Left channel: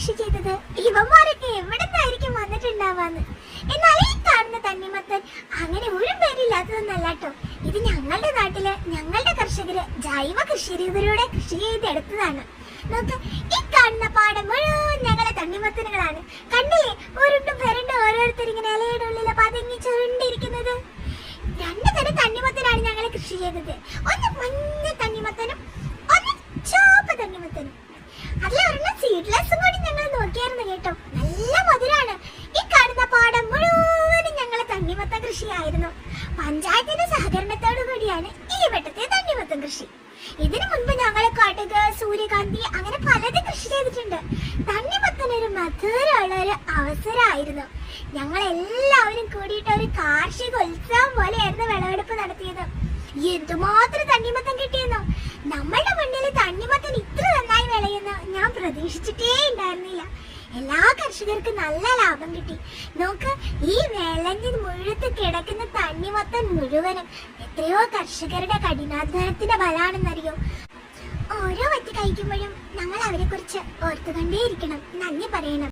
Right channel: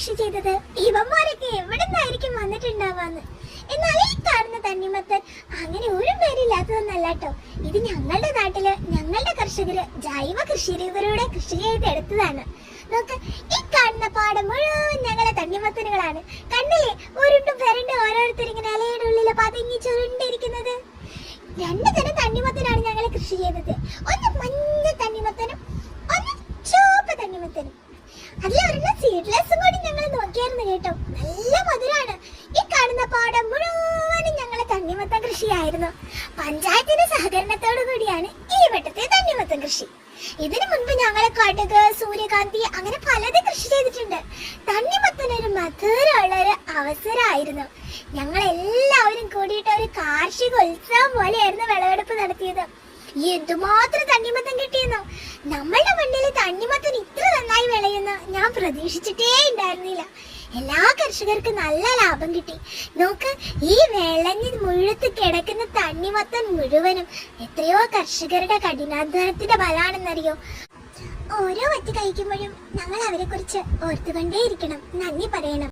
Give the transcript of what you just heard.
കൃഷി ചെയ്തത് ഇവന്മാരൊക്കെ എവിടെ നിന്നായിരിക്കും വന്നിട്ടുണ്ടാവാന്ന്. എന്നാൽ ഈ കാണുന്ന തണ്ണിമത്തൻ അങ്ങനെ ഒരു പേരില്ലാത്തതൊന്നല്ല കേട്ടോ. ഇത് ഞങ്ങളുടെ നാട്ടില് ഞങ്ങളുടെ കർഷകര് ജൈവ കൃഷി രീതിയിലൂടെ കൃഷി ചെയ്തെടുത്തതാണ്. നോക്ക്, ഈ കാണുന്ന പാടം മുഴുവൻ ഞങ്ങളെ തണ്ണിമത്തനുകളാണ്. കണ്ടില്ലേ, ഉരുണ്ടും വരണ്ടും ഓരോരുത്തർ ഇങ്ങനെ ഇലയുടെ ഉള്ളിൽ പതുങ്ങി ചുരുണ്ടിരിക്കുന്നത്. രണ്ടു തരം തണ്ണിമത്തനാണ് ഞങ്ങൾ കൃഷി ചെയ്തത്. ഒന്ന് മഞ്ഞ തണ്ണിമത്തനും ഒന്ന് ചുവപ്പ് തണ്ണിമത്തനും. അതിലൊരെണ്ണം സീഡ്ലെസ്സും കൂടി ഞങ്ങൾ നോക്കിയായിരുന്നു കേട്ടോ. നല്ല മധുരാണ്. ഈ കാണുന്ന പാടം മുഴുവനും ഞങ്ങളെ തണ്ണിമത്തൻ കൃഷിയായിരുന്നു. പഞ്ചായത്തിന്റെ സഹകരണത്തോടു കൂടിയാണ് ഈ വട്ടത്തെ തണ്ണിമത്തൻ കൃഷി. ഇതിനു മുൻപ് ഞങ്ങൾ കടുക്, സൂര്യകാന്തി അങ്ങനെ പലതും കൃഷി ചെയ്തിട്ടുണ്ട്. തണ്ണിമത്തനൊരു മധുരമുള്ളൊരു അവസരമായിരുന്നു. ഞങ്ങൾ എല്ലാവരും കൂടിയിട്ട് ഒരു കാർഷിക ഉത്സവം പോലെയായിരുന്നു വിളവെടുപ്പ് നടത്തിയത്. എന്തുമാത്രം തണ്ണിമത്തൻ കിട്ടിയെന്നോ. നമ്മളുടെ മണ്ണിൽ തണ്ണിമത്തൻ ഇത്ര നന്നായി വിളയുന്നു ഞാൻ പ്രതീക്ഷിച്ചിട്ടേ ഉണ്ടായിരുന്നില്ല. എല്ലാ കർഷകർക്കും നല്ല ലാഭം കിട്ടി. നോക്ക്, ഈ വെള്ളഞ്ഞ് മുഴുത്ത് കിടക്കുന്ന തണ്ണിമത്തൻ മുഴുവനും എത്രയോ കർഷകരുടെ കഠിനാധ്വാനത്തിന്റെ ഫലമാണെന്നറിയോ. ഓരോ വറ്റ് കഴിക്കുമ്പോഴും നമ്മൾ അവരെ കുറിച്ച് ഓർത്തുകൊണ്ടേയിരിക്കണം, നന്ദി പറയണം.